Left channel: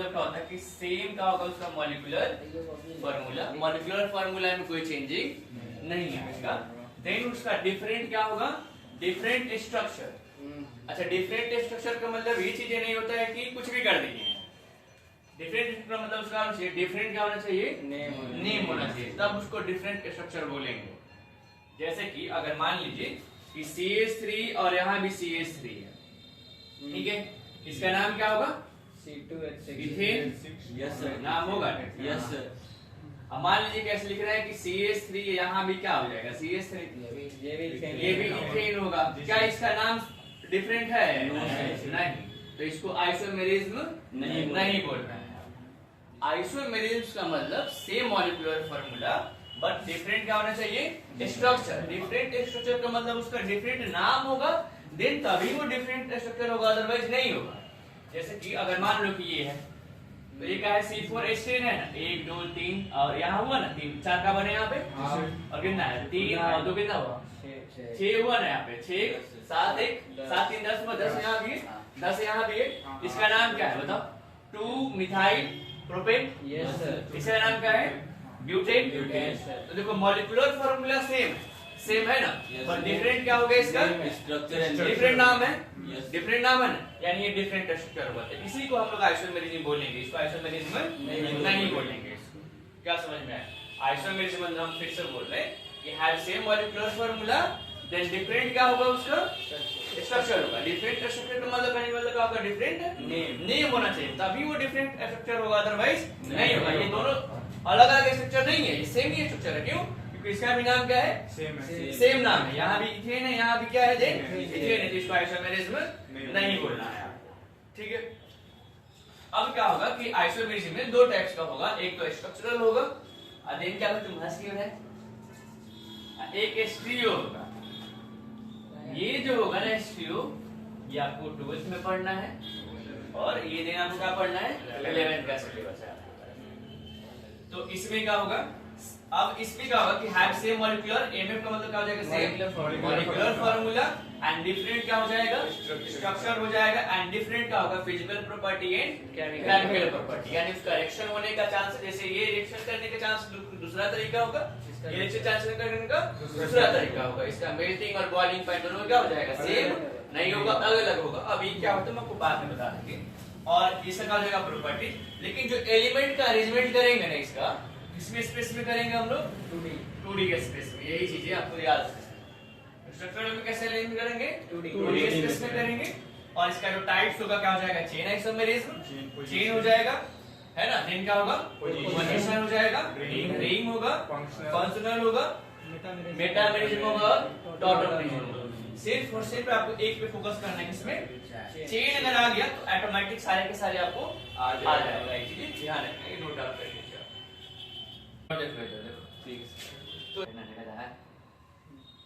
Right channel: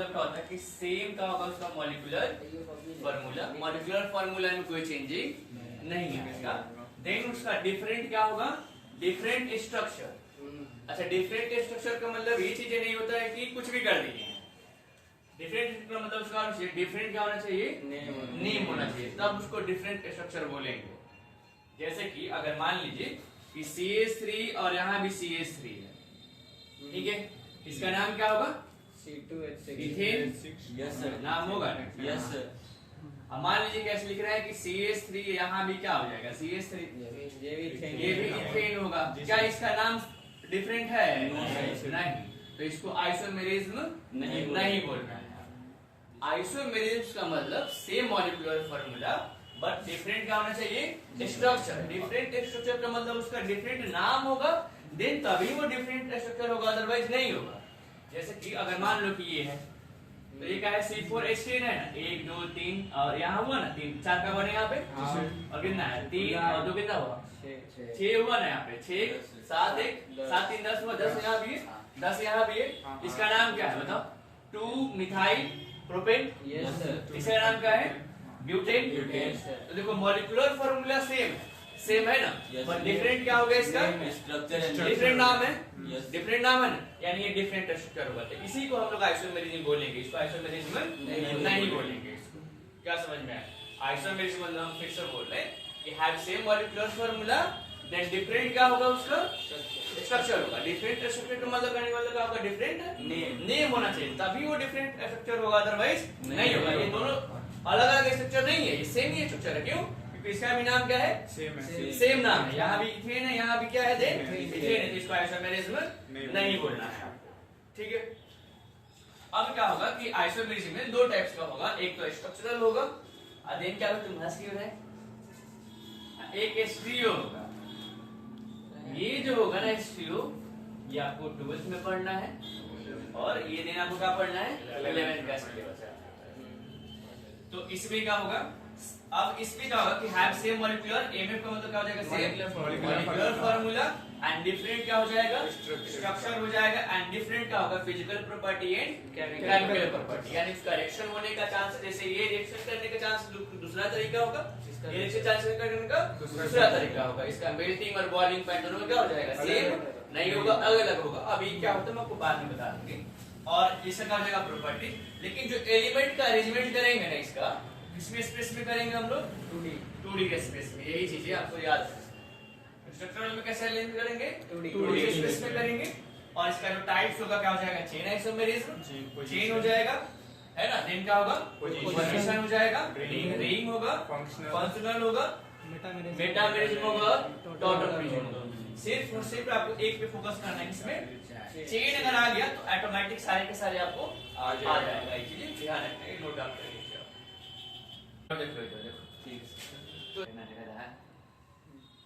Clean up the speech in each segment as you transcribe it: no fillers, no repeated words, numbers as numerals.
मतलब क्या होता है कि सेम का होगा उसका मॉलिक्यूलर फार्मूला, मॉलिक्यूलर फार्मूला में कोई चेंजिंग नहीं है इसका। देन उसका डिफरेंट क्या होगा, डिफरेंट स्ट्रक्चर। अच्छा, डिफरेंट स्ट्रक्चर का मतलब ये चीजें नहीं होता है कि कुछ भी कर देंगे। डिफरेंट का मतलब उसका डिफरेंट क्या होना चाहिए, नेम होना चाहिए, तब उसको डिफरेंट स्ट्रक्चर बोलेंगे। जैसे कि अगर मान लीजिए कि CH3 और यहाँ भी CH3 है, ठीक है, इसका नाम क्या होगा, इथेन। Yes sir. नाम होगा, यस सर। अब मान लीजिए कैसे लिख रहा है कि CH3 यहाँ भी क्या हो जाएगा, CH3, ये भी इथेन होगा। क्या इसका नाम डिफरेंट है? नहीं, तो इसको आइसोमेरिज्म नहीं बोल रहे हैं। आइसोमेरिज्म का मतलब same molecular formula but different क्या होना चाहिए, स्ट्रक्चर। डिफरेंट स्ट्रक्चर का मतलब उसका डिफरेंट नाम होगा, देन तभी वो डिफरेंट स्ट्रक्चर होगा, अदरवाइज नहीं होगा। जैसे कि अगर मान लो कि ये है, तो ये क्या है, C4H10 है ना, 1 2 3 और यहाँ हुआ ना 3 4 का बने यहाँ पे, और कितना है 3 और 2 कितना हुआ 6 हुआ ना यहाँ पे, 6 7 1 7 3 10 हुआ, 10 यहाँ भी है 10 यहाँ भी है। इसका नाम क्या है बताओ, 2 मिथाइल प्रोपेन। इसका नाम क्या है, ब्यूटेन। तो देखो मॉलिक्यूलर फार्मूला सेम है ना, पर डिफरेंट क्या हो गया, इसका स्ट्रक्चर डिफरेंट नाम है, डिफरेंट नाम है ना, यानी ये डिफरेंट स्ट्रक्चर होगा। इसी को हम लोग आइसोमेरिज्म बोलेंगे, इसको आइसोमेरिज्म नहीं बोलेंगे। क्या समझ में आया? आइसोमेरिज्म मतलब हम फिर से बोल रहे हैं कि have same molecular formula, then different क्या होगा, उसका स्ट्रक्चर होगा। डिफरेंट स्ट्रक्चर का मतलब क्या होगा, डिफरेंट नेम होना चाहिए, तभी वो डिफरेंट स्ट्रक्चर होगा, अदरवाइज नहीं होगा। ये दोनों अलग अलग स्ट्रक्चर नहीं है, ये सेम ही स्ट्रक्चर है। क्यों? क्योंकि इसका भी नाम क्या है, सेम नाम है। यहाँ भी इथेन है, यहाँ भी क्या है, इथेन है, जिसको आइसोमेरिज्म नहीं बोलना है आपको, ठीक है। अब क्या होगा कि आइसोमेरिज्म में दो टाइप्स का होगा, एक तो स्ट्रक्चरल होगा, और देन क्या होगा, तुम हंस क्यों रहे, एक स्टीरियो होगा। ये जो होगा ना स्टीरियो, ये आपको 12th में पढ़ना है, और ये दिन आपको क्या पढ़ना है, 11th का सिलेबस है। तो इसमें क्या होगा, अब इसमें क्या होगा कि हैव सेम मॉलिक्यूलर, एमएफ का मतलब क्या हो जाएगा, same molecular formula, and different क्या हो जाएगा, स्ट्रक्चर हो जाएगा, एंड डिफरेंट क्या होगा, physical property and chemical property. यानी इसका रिएक्शन होने का चांस, जैसे ये रिएक्शन करने का चांस दूसरा तरीका होगा, ये रिएक्शन चांस करने का दूसरा तरीका होगा। इसका मेल्टिंग और बॉइलिंग पॉइंट दोनों क्या हो जाएगा, सेम नहीं होगा, अलग अलग होगा। अब ये क्या होता है मैं आपको बाद में बता देंगे। और इसका क्या हो जाएगा प्रॉपर्टी, लेकिन जो एलिमेंट का अरेंजमेंट करेंगे ना, इसका किसमें स्पेस में करेंगे हम लोग, 2D के स्पेस में। यही चीजें आपको याद रखना। स्ट्रक्चर में कैसे अरेंज करेंगे, 2D के स्पेस में करेंगे। और इसका जो टाइप्स होगा क्या हो जाएगा, चेन आइसोमेरिज्म, चेन हो जाएगा, है ना। देन क्या होगा, पोजीशन हो जाएगा, रिंग होगा, फंक्शनल होगा, मेटामेरिज्म होगा, टॉटोमेरिज्म होगा। सिर्फ और सिर्फ आपको एक पे फोकस करना है, किसमें, चेन अगर आ गया तो ऑटोमेटिक सारे के सारे आपको आ जाएगा। ये चीजें ध्यान रखना, नोट डाउन करके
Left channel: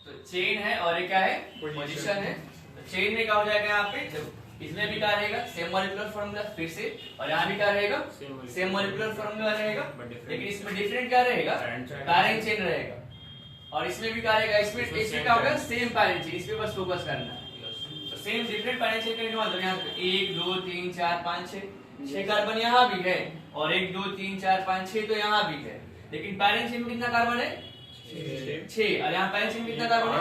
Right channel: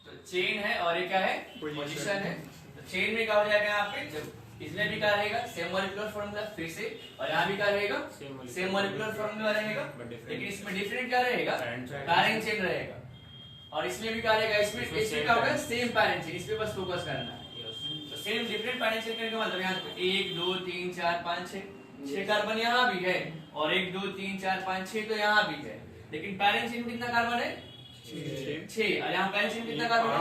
तो चेन है और ये क्या है, पोजीशन है। तो चेन में क्या हो जाएगा, यहाँ पे इसमें भी क्या रहेगा, सेम मॉलिक्यूलर फार्मूला फिर से, और यहाँ भी क्या रहेगा, सेम मॉलिक्यूलर फार्मूला रहेगा, लेकिन इसमें डिफरेंट क्या रहेगा, पैरेंट चेन रहेगा। और इसमें भी क्या रहेगा, इसमें क्या होगा, सेम पैरेंट चेन, इस पे बस फोकस करना है। तो सेम डिफरेंट पैरेंट चेन का मतलब यहाँ पे 1 2 3 4 5 6 कार्बन यहाँ भी है, और 1 2 3 4 5 6 तो यहाँ भी है, लेकिन पैरेंट चेन में कितना कार्बन है, 6, और यहाँ पैरेंट चेन में कितना कार्बन है,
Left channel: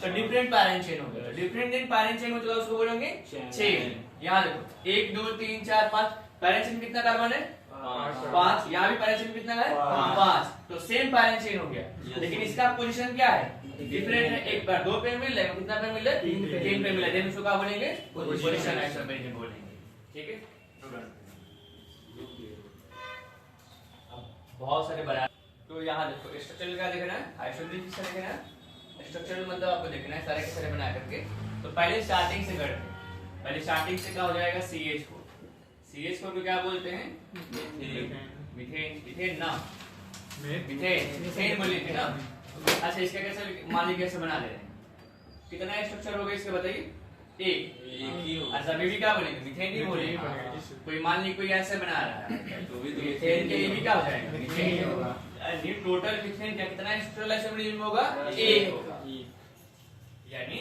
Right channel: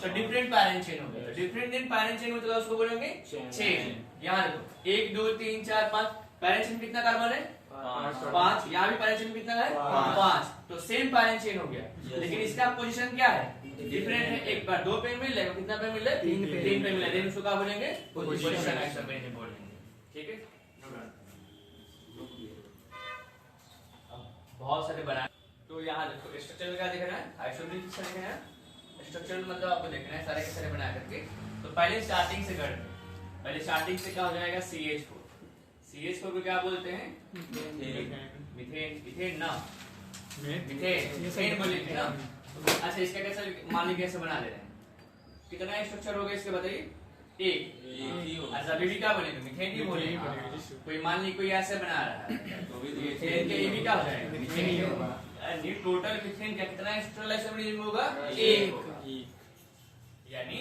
तो डिफरेंट पैरेंट चेन हो गया। डिफरेंट दिन पैरेंट चेन मतलब उसको बोलेंगे 6। यहाँ देखो 1 2 3 4 5, पैरेंट चेन में कितना कार्बन है, 5, यहाँ भी पैरेंट चेन कितना है, 5, तो सेम पैरेंट चेन हो गया, लेकिन इसका पोजीशन क्या है, डिफरेंट है। एक बार 2 पे मिल रहा है, कितना पे मिल रहा है, 3 पे मिल रहा है, देन उसको क्या बोलेंगे, पोजीशन आइसोमेरिज्म बोलेंगे, ठीक है। बहुत सारे बना, तो यहाँ देखो स्ट्रक्चर क्या देखना है, आइसोमेरिज्म किसका देखना है, स्ट्रक्चर मतलब आपको देखना है सारे के सारे बना करके। तो पहले स्टार्टिंग से करते हैं, पहले स्टार्टिंग से क्या हो जाएगा, CH4 को क्या बोलते हैं, मीथेन, इथेन ना, मीथेन बोलेंगे ना। अच्छा, इसका कैसे मान लीजिए कैसे बना ले रहे हैं, कितना स्ट्रक्चर होगा इसके बताइए, एक ही होगा। अच्छा, अभी भी क्या बोलेंगे, मीथेन ही बोलेंगे। कोई मान ली कोई ऐसे बना रहा है तो मीथेन के ये भी क्या हो जाएगा, मीथेन होगा। ये टोटल मीथेन का कितना स्ट्रक्चरल आइसोमेरिज्म होगा, एक होगा। यानी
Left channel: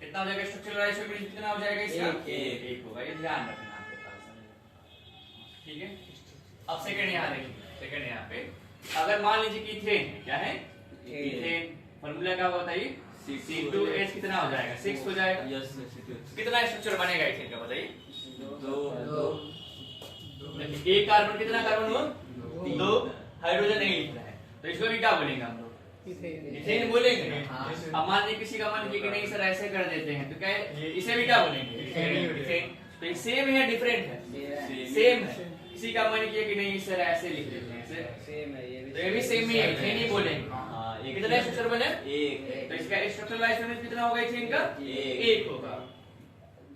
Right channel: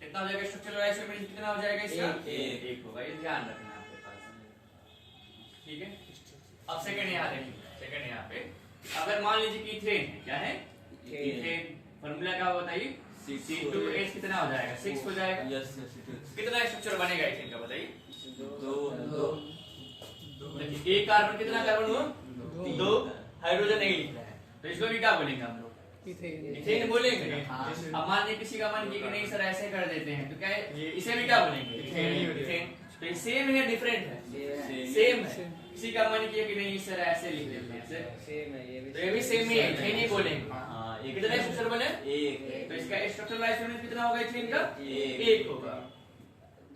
कितना हो जाएगा स्ट्रक्चरल आइसोमेरिज्म, कितना हो जाएगा इसका, एक होगा। ये ध्यान रखना आपके पास, ठीक है। अब सेकंड यहाँ देखिए, सेकंड यहाँ पे अगर मान लीजिए कि इथेन है, क्या है इथेन, फॉर्मूला क्या होगा बताइए, C2H कितना हो जाएगा 6 हो जाएगा। यस कितना स्ट्रक्चर बनेगा इथेन का बताइए, 2 एक कार्बन कितना कार्बन हुआ 2, हाइड्रोजन नहीं लिख रहा है तो इसको भी क्या बोलेंगे हम लोग इथेन बोलेंगे। अब मान लीजिए किसी का मन किया कि नहीं सर ऐसे कर देते हैं तो क्या है, इसे भी क्या बोलेंगे इथेन। तो ये सेम है डिफरेंट है, सेम है। किसी का मन किया कि नहीं सर ऐसे लिख देते हैं सेम है, ये भी तो ये भी सेम ही है, इथेन ही बोलेंगे। ये कितना स्ट्रक्चर बने, एक तो इसका स्ट्रक्चरल आइसोमेरिज्म कितना होगा इथेन का, एक। 1 होगा।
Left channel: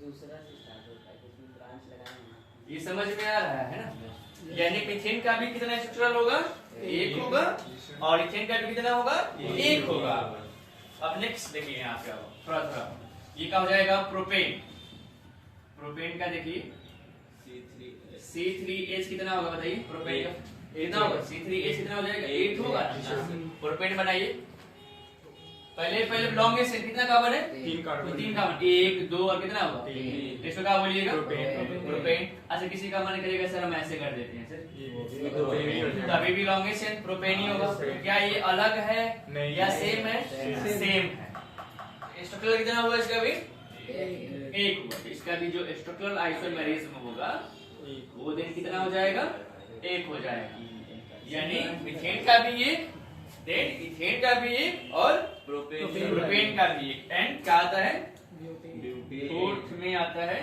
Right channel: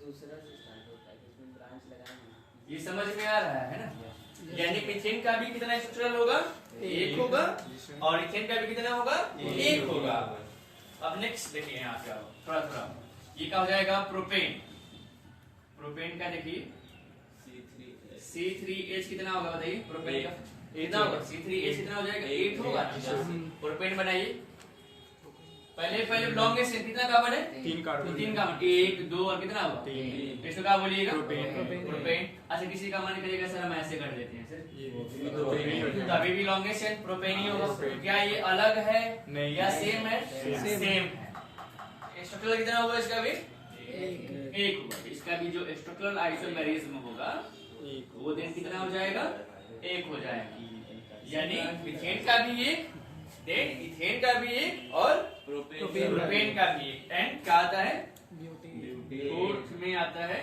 दूसरा से स्टार्ट होता है, इसमें ब्रांच लगाना है। ये समझ में आ रहा है ना, यानी इथेन का भी कितना स्ट्रक्चरल होगा 1 होगा और इथेन का भी कितना होगा 1 होगा। अब नेक्स्ट देखिए यहाँ क्या होगा, थोड़ा थोड़ा ये क्या हो जाएगा प्रोपेन, प्रोपेन का देखिए C3H कितना होगा बताइए, प्रोपेन का कितना होगा C3H कितना हो जाएगा 8 होगा। प्रोपेन बनाइए, पहले लॉन्गेस्ट कितना कार्बन है 3 कार्बन, 1 2 और कितना होगा 3, इसको क्या बोलिएगा प्रोपेन। अच्छा किसी का मन करेगा सर हम ऐसे कर देते हैं सर, तभी भी लॉन्गेस्ट है प्रोपेन ही होगा। तो क्या ये अलग है या सेम है, सेम है। स्ट्रक्चरल कितना होगा इसका भी 1 होगा। इसका भी जो स्ट्रक्चरल आइसोमेरिज्म होगा वो दिन कितना हो जाएगा 1 हो जाएगा। यानी इथेन का भी 1, देन इथेन का भी 1 और प्रोपेन का भी 1। एंड क्या आता है फोर्थ में आता है,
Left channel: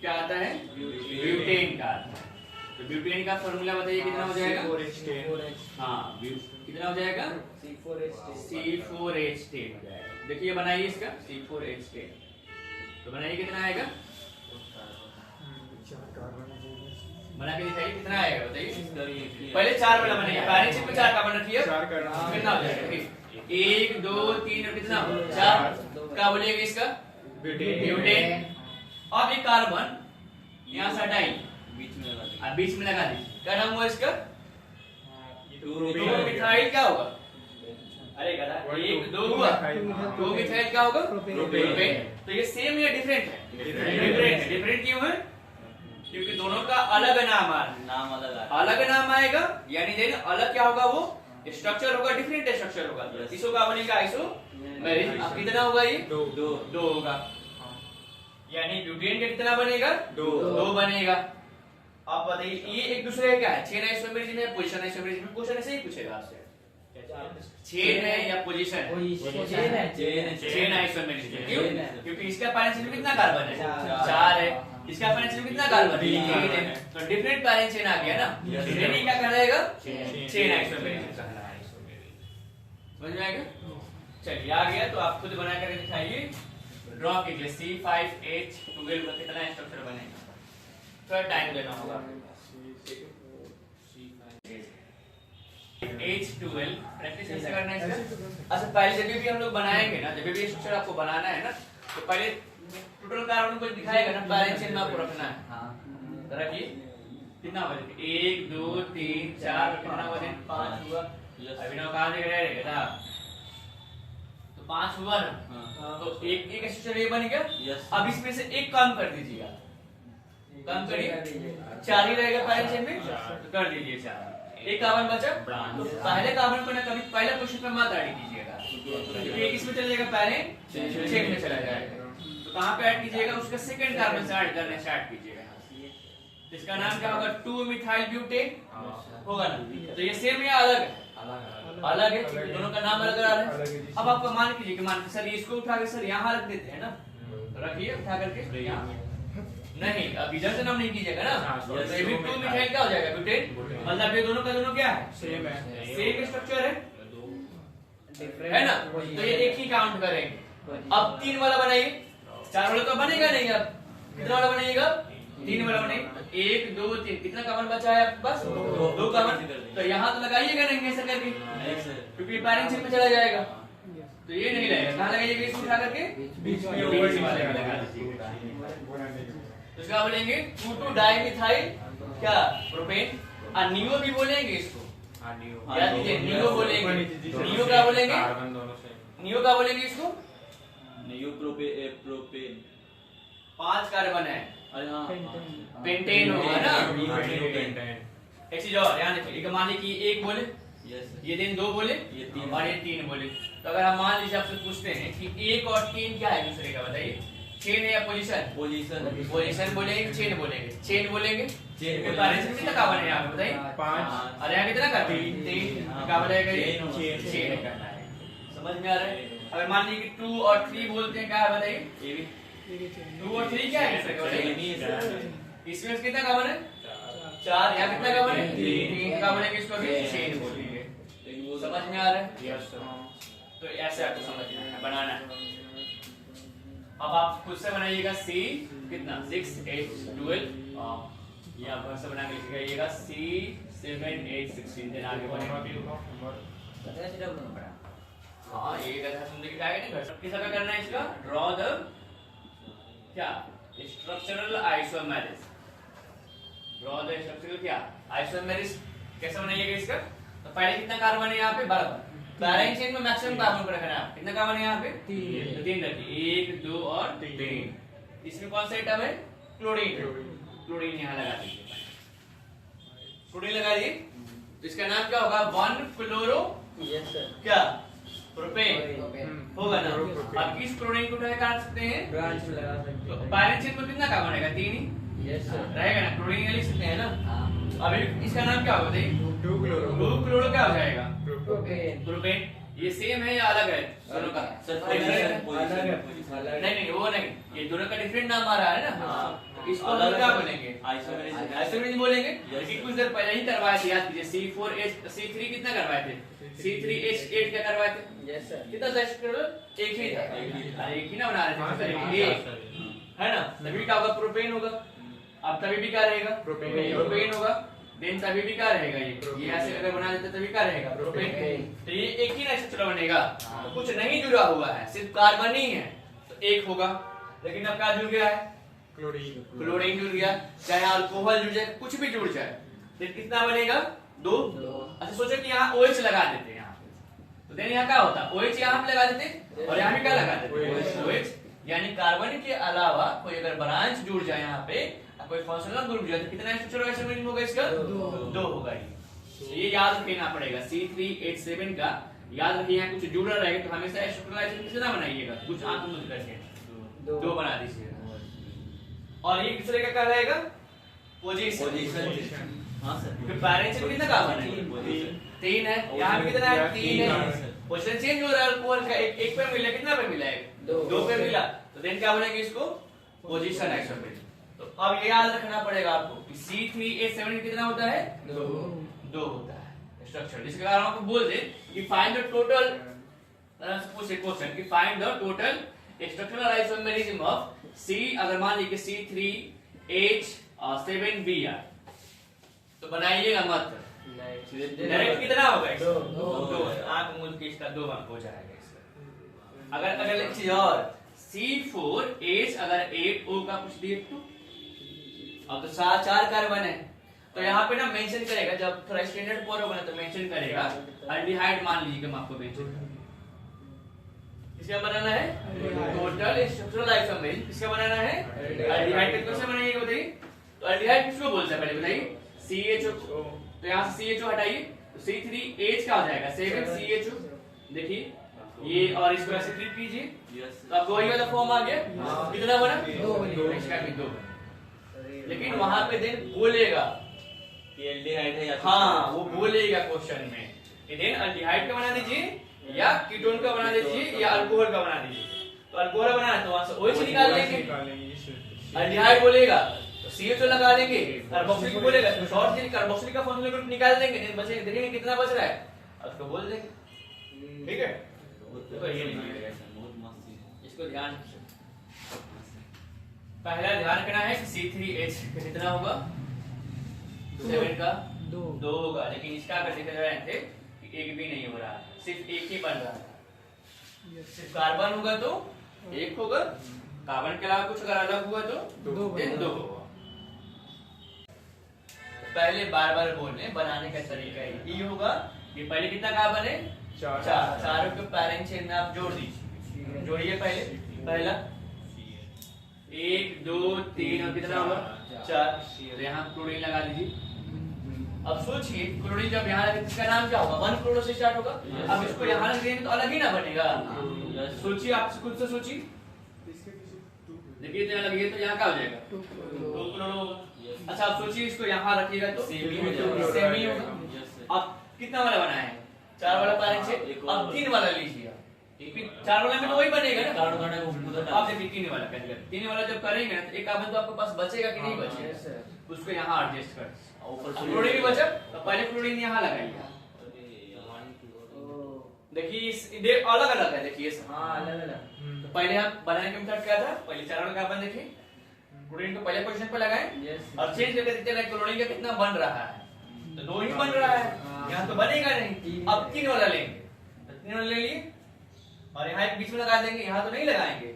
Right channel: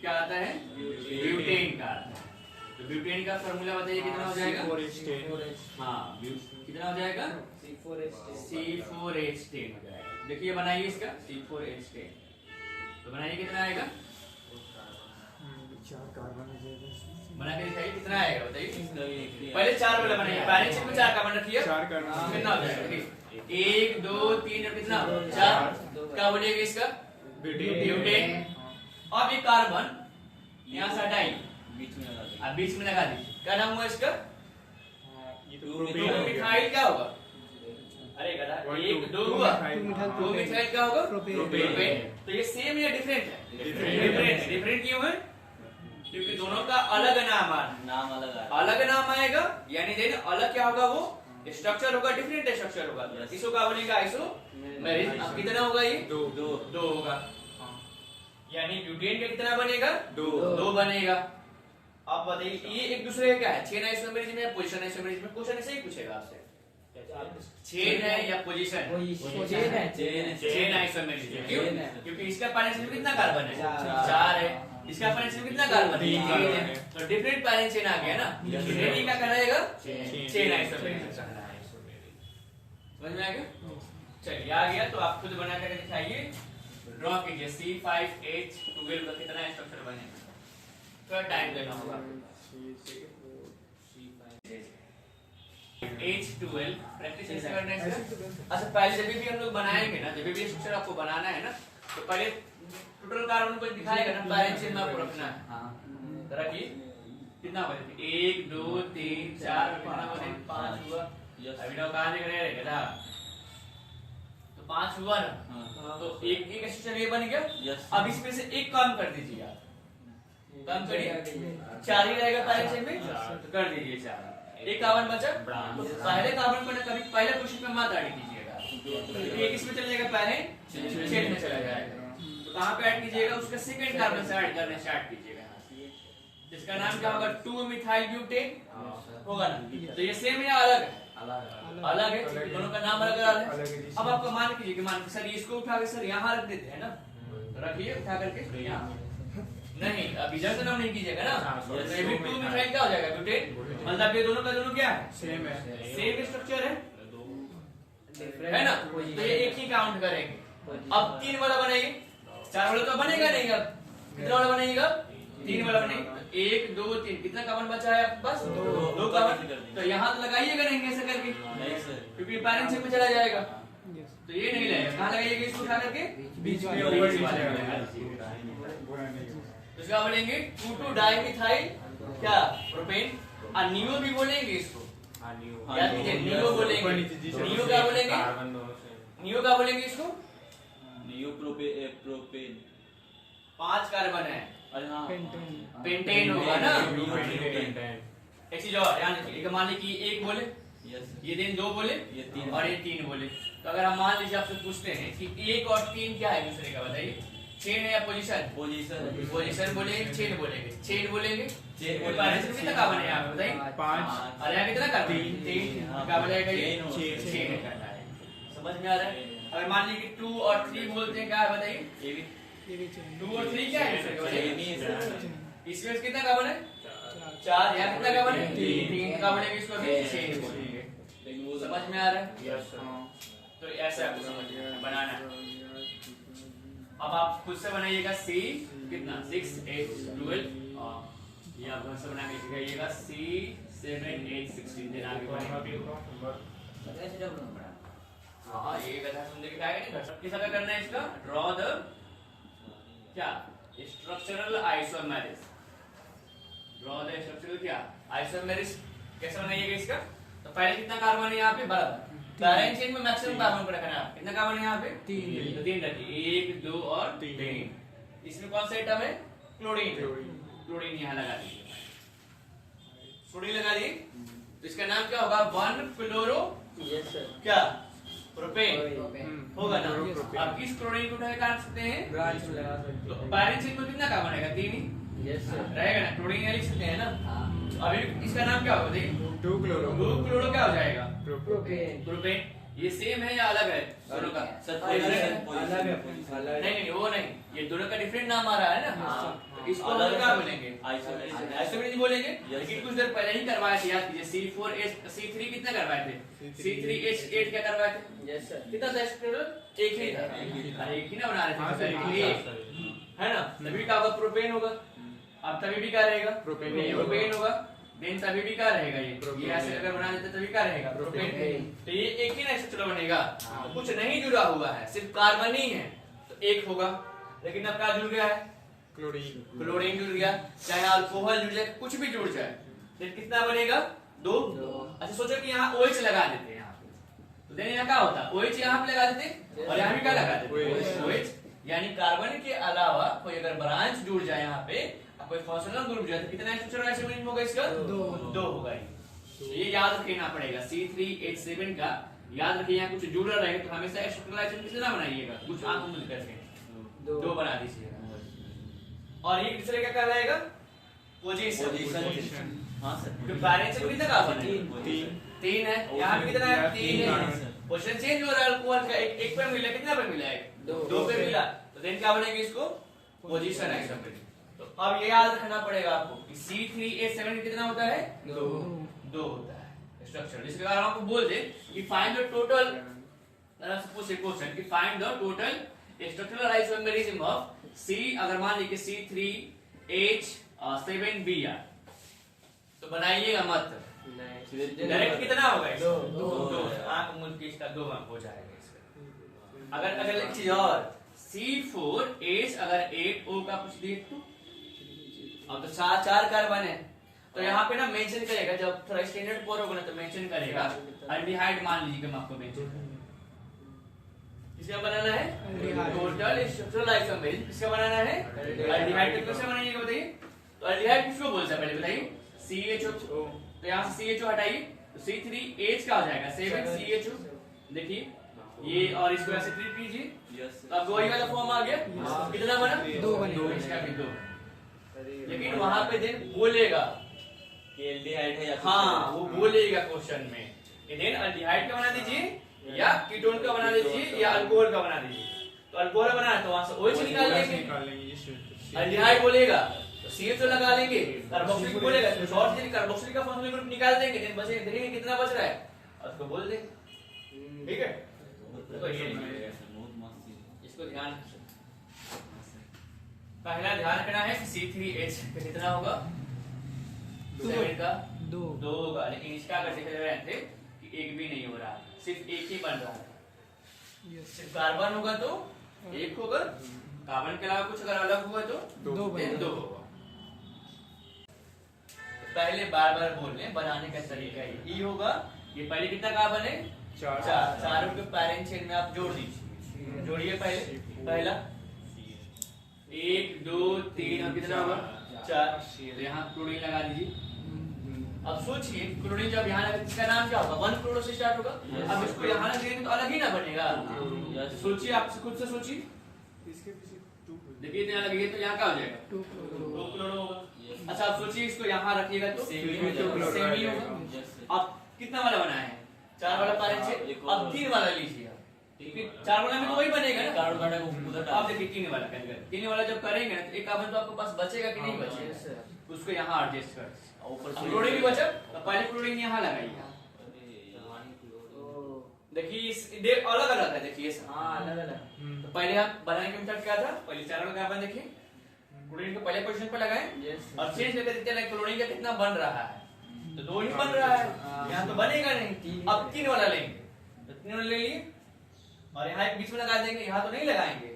क्या आता है ब्यूटेन का आता है। तो ब्यूटेन का फॉर्मूला बताइए कितना हो जाएगा, हाँ कितना हो जाएगा C4H10 हो जाएगा। देखिए बनाइए इसका C4H10, तो बनाइए कितना आएगा, बना के दिखाइए कितना आएगा बताइए। पहले 4 वाला बनाइए, पैरेंट चिन्ह में 4 कार्बन रखिए, कितना हो जाएगा 1 2 3 और कितना 4, क्या बोलिएगा इसका ब्यूटेन। अब ये कार्बन यहाँ से हटाइए, बीच में लगा दीजिए, क्या नाम हुआ इसका 2 मिथाइल क्या होगा, अरे गधा 1 2 हुआ 2 मिथाइल क्या होगा प्रोपेन। तो ये सेम या डिफरेंट है, डिफरेंट क्यों है क्योंकि दोनों का अलग नाम अलग नाम आएगा, यानी देन अलग क्या होगा वो स्ट्रक्चर होगा, डिफरेंट स्ट्रक्चर होगा। इसको क्या बनेगा आइसोमेरिज्म। अब कितना होगा ये 2 होगा, यानी ब्यूटेन का कितना बनेगा 2 बनेगा। अब बताइए ये एक दूसरे क्या है, चेन आइसोमेरिज्म या पोजीशन आइसोमेरिज्म, क्वेश्चन ऐसे ही पूछेगा आपसे, चेन है या पोजीशन, चेन आइसोमेरिज्म। क्यों, क्योंकि इसका पैरेंट कितना कार्बन है 4 है, इसका पैरेंट चेन कितना कार्बन है 3 है, तो डिफरेंट पैरेंट चेन आ गया ना, इन्हें क्या कहलाएगा चेन आइसोमेरिज्म कहलाएगा। समझ में आएगा, चलिए आ गया तो आप खुद बना कर दिखाइए, ड्रॉ कीजिए C5H12 का कितना स्ट्रक्चर बनेगा, थोड़ा टाइम देना होगा। H12 प्रैक्टिस कैसे करना है इसका। अच्छा पहले जब भी हम लोग बनाएंगे ना, जब भी स्ट्रक्चर आपको बनाना है ना, तो पहले टोटल कार्बन को दिखाएगा ना, पैरेंट चेन में आपको रखना है। हाँ तो रखिए कितना हुआ 1 2 3 4 कितना हुआ 5 हुआ। अभी ना कहाँ देख रहे हैं, तो 5 हुआ ना, तो एक स्ट्रक्चर ये बन गया। अब इसमें से एक काम कर दीजिएगा, कम करिए 4 ही रहेगा पैरेंट चेन में, तो कर दीजिए 4। एक कार्बन बचा, पहले कार्बन को ना कभी पहले पोजीशन में मत ऐड कीजिएगा, क्योंकि एक इसमें चला जाएगा पैरेंट चेन में चला जाएगा। तो कहाँ पे ऐड कीजिएगा, उसका सेकंड कार्बन से ऐड करने स्टार्ट कीजिएगा। इसका नाम क्या होगा 2 मिथाइल ब्यूटेन होगा ना। तो ये सेम या अलग है, अलग है, दोनों का नाम अलग अलग है। अब आपको मान कीजिए कि मान सर इसको उठा के सर यहाँ रख देते हैं ना, तो रखिए उठा करके यहाँ, नहीं अब इधर से नाम नहीं कीजिएगा ना, तो ये भी 2 मिथाइल क्या हो जाएगा ब्यूटेन, मतलब ये दोनों का दोनों क्या है सेम है, सेम स्ट्रक्चर है ना। तो ये एक ही काउंट करेंगे। अब 3 वाला बनाइए, 4 वाला तो बनेगा नहीं, अब कितना वाला बनाइएगा 3 वाला बनेगा। 1 2 3 कितना कार्बन बचा है बस 2 कार्बन, तो यहाँ तो लगाइएगा नहीं ऐसे करके, क्योंकि पैरेंट चेन में चला जाएगा, तो ये नहीं लगेगा। कहाँ लगाइएगा, इसको उठा करके बीच में वाले में लगा दीजिएगा। तो क्या बोलेंगे 2 डाइमिथाइल क्या प्रोपेन, और नियो भी बोलेंगे इसको, याद कीजिए नियो बोलेंगे। नियो क्या बोलेंगे, नियो क्या बोलेंगे इसको, नियो प्रोपेन 5 कार्बन है, अरे हाँ पेंटेन होगा ना, पेंटेन। एक चीज और ध्यान रखिए, एक मान लीजिए कि एक बोले, ये दिन दो बोले, ये तीन और ये तीन बोले। तो अगर हम मान लीजिए आपसे पूछते हैं कि एक और तीन क्या है दूसरे का, बताइए। चेन या पोजीशन? पोजीशन बोलेंगे, चेन बोलेंगे। चेन बोलेंगे, पैरेंट्स कितना का बनेगा यहाँ पे बताइए? 5। और यहाँ कितना का? 3 का बनेगा ये चेन करना है। समझ में आ रहा है? अगर मान लीजिए कि 2 और 3 बोलते हैं, क्या है बताइए? 2 और 3 क्या है दूसरे का बताइए? इसमें कितना का बने? 4। यहाँ कितना का बने? 3 का बनेगा, इसको भी चेन बोलेंगे। समझ में आ रहा है? तो ऐसे आपको समझना है, बनाना है। अब आप खुद से बनाइएगा C कितना 6 8 12 ये आप घर से बना के लिखिएगा C 7 8 16 देन आगे बढ़ेंगे। हाँ ये गधा सुन के क्या है किस तरह करना है इसका ड्रॉ द क्या structural isomerism. Draw the structural क्या आइसोमेरिस कैसे बनाइएगा इसका। तो पहले कितना कार्बन है यहाँ पे 12 पैरेंट चेन में मैक्सिमम कार्बन को रखना है। कितना कार्बन है यहाँ पे 3 तो 3 रखिए 1 2 और 3। इसमें कौन सा आइटम है क्लोरीन। क्लोरीन यहाँ लगा दीजिए क्लोरीन लगा दिए तो इसका नाम क्या होगा 1 क्लोरो क्या प्रोपेन होगा ना। अब इस क्लोरीन को क्या कर सकते हैं ब्रांच में लगा सकते तो हैं। पैरेंट चेन में कितना कार्बन रहेगा 3 ही रहेगा ना क्लोरीन लिख सकते हैं ना। अभी इसका नाम क्या होगा देखिए 2 क्लोरो क्या हो जाएगा प्रोपेन। ये सेम है या अलग है दोनों का नहीं वो नहीं ये दोनों का डिफरेंट नाम आ रहा है ना। तो इसको हम क्या बोलेंगे आइसोमेरिस बोलेंगे। लेकिन कुछ देर पहले ही करवाए थे याद कीजिए C3 कितना करवाए थे C3H8 क्या करवाए थे कितना था एक ही था एक ही ना बना रहे थे है ना। तभी क्या होगा प्रोपेन होगा। अब तभी भी क्या रहेगा प्रोपेन होगा। देन तभी भी क्या रहेगा ये ऐसे अगर बना देते तभी क्या रहेगा प्रोपेन। तो ये एक ही ना स्ट्रक्चर बनेगा तो कुछ नहीं जुड़ा हुआ है सिर्फ कार्बन ही है तो एक होगा। लेकिन अब क्या जुड़ गया है क्लोरीन जुड़ गया चाहे अल्कोहल जुड़ जाए कुछ भी जुड़ जाए तो कितना बनेगा 2। अच्छा सोचो कि यहाँ OH लगा देते हैं यहाँ पे तो देन यहाँ क्या होता OH यहाँ पे लगा देते और यहाँ भी क्या लगा देते OH यानी कार्बन के अलावा कोई अगर ब्रांच जुड़ जाए यहाँ पे कोई फंक्शनल ग्रुप जो है कितना स्ट्रक्चरल आइसोमेरिज्म होगा इसका 2 होगा। ये याद रखना पड़ेगा C3H7 का याद रखिए यहाँ कुछ जुड़ा रहेगा तो हमेशा स्ट्रक्चरल आइसोमेरिज्म कितना बनाइएगा कुछ आंख मूंद करके 2 बना दीजिएगा। और ये किसरे का क्या रहेगा पोजीशन। हां सर पैरेंट से कितना कार्बन है 3 है यहाँ भी कितना है 3 है। पोजीशन चेंज हो रहा है अल्कोहल का एक पे मिला कितना पे मिला है 2 पे मिला तो देन क्या बनेगी इसको पोजीशन आइसोमेरिज्म। तो अब ये याद रखना पड़ेगा आपको कि C3H7 कितना होता है 2 होता है स्ट्रक्चर। जिसके कारण आपको बोल दे कि फाइंड द टोटल पूछे क्वेश्चन कि find the total structural isomerism of C अगर मान लीजिए C3H7Br तो बनाइएगा मत डायरेक्ट कितना होगा 2 आंख मूंद के इसका 2 अंक हो जाएगा इसका। अगर एक चीज और C4H अगर 8O का कुछ दिए तो अब तो 4 कार्बन है तो यहाँ पे ना मेंशन करेगा जब थोड़ा स्टैंडर्ड पर होगा ना तो मेंशन करेगा अल्डिहाइड मान लीजिए हम आपको मेंशन किसका बनाना है टोटल स्ट्रक्चरल आइसोमेरिज्म किसका बनाना है अल्डिहाइड का। कैसे बनाइएगा बताइए। तो अल्डिहाइड किसको बोलते हैं पहले बताइए CHO तो यहाँ से CHO हटाइए तो C3H क्या हो जाएगा 7 CHO देखिए ये और इसको ऐसे ट्रीट कीजिए तो अब वही वाला फॉर्म आ गया कितना बना 2 इसका भी 2 लेकिन वहां पे देन बोलेगा कि एल्डिहाइड है या हाँ वो बोलेगा क्वेश्चन में देन अल्डिहाइड का बना दीजिए या कीटोन का बना दीजिए या अल्कोहल का बना दीजिए। तो अल्कोहल बनाना तो वहां से OH निकाल देंगे अल्डिहाइड बोलेगा तो CHO लगा लेंगे कार्बोक्सिलिक बोलेगा तो शॉर्ट से कार्बोक्सिलिक का फंक्शनल ग्रुप निकाल देंगे देन बचे देखिए कितना बच रहा है उसको बोल देंगे। ठीक है तो ये बहुत मस्त इसको ध्यान पहला ध्यान रखना है कि C3H कितना होगा 7 का 2 होगा। लेकिन इसका अगर देखा जाए थे कि एक भी नहीं हो रहा सिर्फ एक ही बन रहा है। सिर्फ कार्बन होगा तो एक होगा कार्बन के अलावा कुछ अगर अलग हुआ तो 2 होगा। पहले बार बोलने बनाने का तरीका ये होगा ये पहले कितना कार्बन है 4 चारों के पैरेंट चेन में आप जोड़ दीजिए जोड़िए पहले पहला 1 2 3 और कितना होगा 4। तो यहाँ क्लोरीन लगा दीजिए। अब सोचिए क्लोरीन जब यहाँ लगे इसका नाम क्या होगा 1 क्लोरो से स्टार्ट होगा। अब इसको यहाँ लग देंगे तो अलग ही ना बनेगा। सोचिए आप खुद से सोचिए, देखिए तो यहाँ लगे तो यहाँ क्या हो जाएगा 2 क्लोरो होगा। अच्छा अब सोचिए इसको यहाँ रखिएगा तो सेम ही होगा। अब कितना वाला बना है 4 वाला पैरेंट से, अब 3 वाला लीजिए। 4 वाला में तो वही बनेगा ना। आप देखिए 3 वाला करेंगे, 3 वाला जब करेंगे ना तो एक कार्बन तो आपके पास बचेगा कि नहीं बचेगा, उसको यहाँ एडजस्ट कर। क्लोरीन भी बचा तो पहले क्लोरीन यहाँ लगाइएगा। देखिए अलग अलग है, देखिए अलग अलग। तो पहले हम बनाने का मेथड क्या था, पहले 4 वाला कार्बन देखिए क्लोरीन को पहले पोजीशन पे लगाएं और चेंज करके देखते हैं क्लोरीन का कितना बन रहा है। तो 2 ही बन रहा है, यहाँ तो बनेगा नहीं। अब 3 वाला लेंगे तो 3 वाला ले लिए और यहाँ एक बीच में लगा देंगे। यहाँ तो नहीं लगाएंगे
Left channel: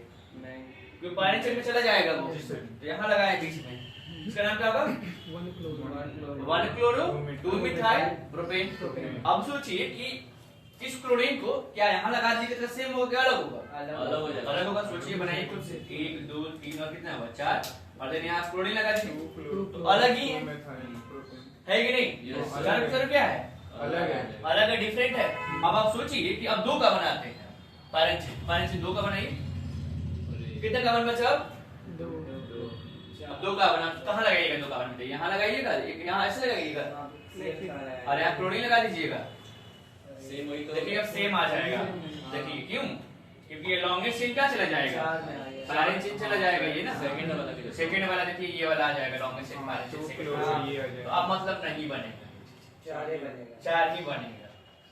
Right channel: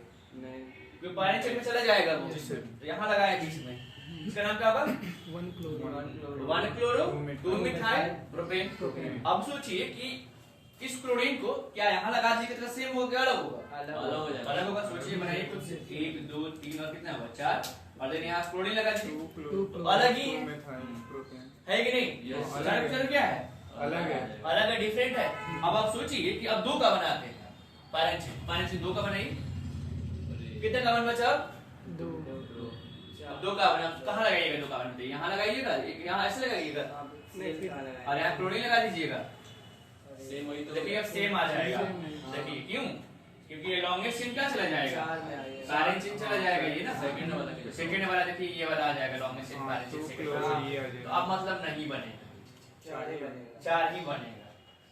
क्योंकि पैरेंट चेन में चला जाएगा वो, तो यहाँ लगाए बीच में। इसका नाम क्या होगा 1 क्लोरो 2 मिथाइल प्रोपेन। अब सोचिए कि इस क्लोरीन को क्या यहाँ लगा दीजिए कितना सेम होगा अलग होगा, अलग होगा। सोचिए बनाइए खुद से 1 2 3 और कितना हुआ 4 और देन यहाँ क्लोरीन लगा दीजिए तो अलग ही है कि नहीं। चलो क्या है अलग है, डिफरेंट है। अब आप सोचिए कि अब 2 का बनाते हैं पैरेंट से 2 का बनाइए, कितने कार्बन बचा अब 2 कार्बन। आप कहाँ लगाइएगा 2 कार्बन पे, यहाँ लगाइएगा, यहाँ ऐसे लगाइएगा और यहाँ क्लोरीन लगा दीजिएगा। देखिए अब सेम आ जाएगा। देखिए क्यों, क्योंकि ये लॉन्गेस्ट चेन क्या चला जाएगा पैरेंट चेन चला जाएगा ये ना। सेकंड वाला देखिए ये वाला आ जाएगा longest chain parent chain second. तो अब मतलब नहीं बनेगा, 4 ही बनेगा।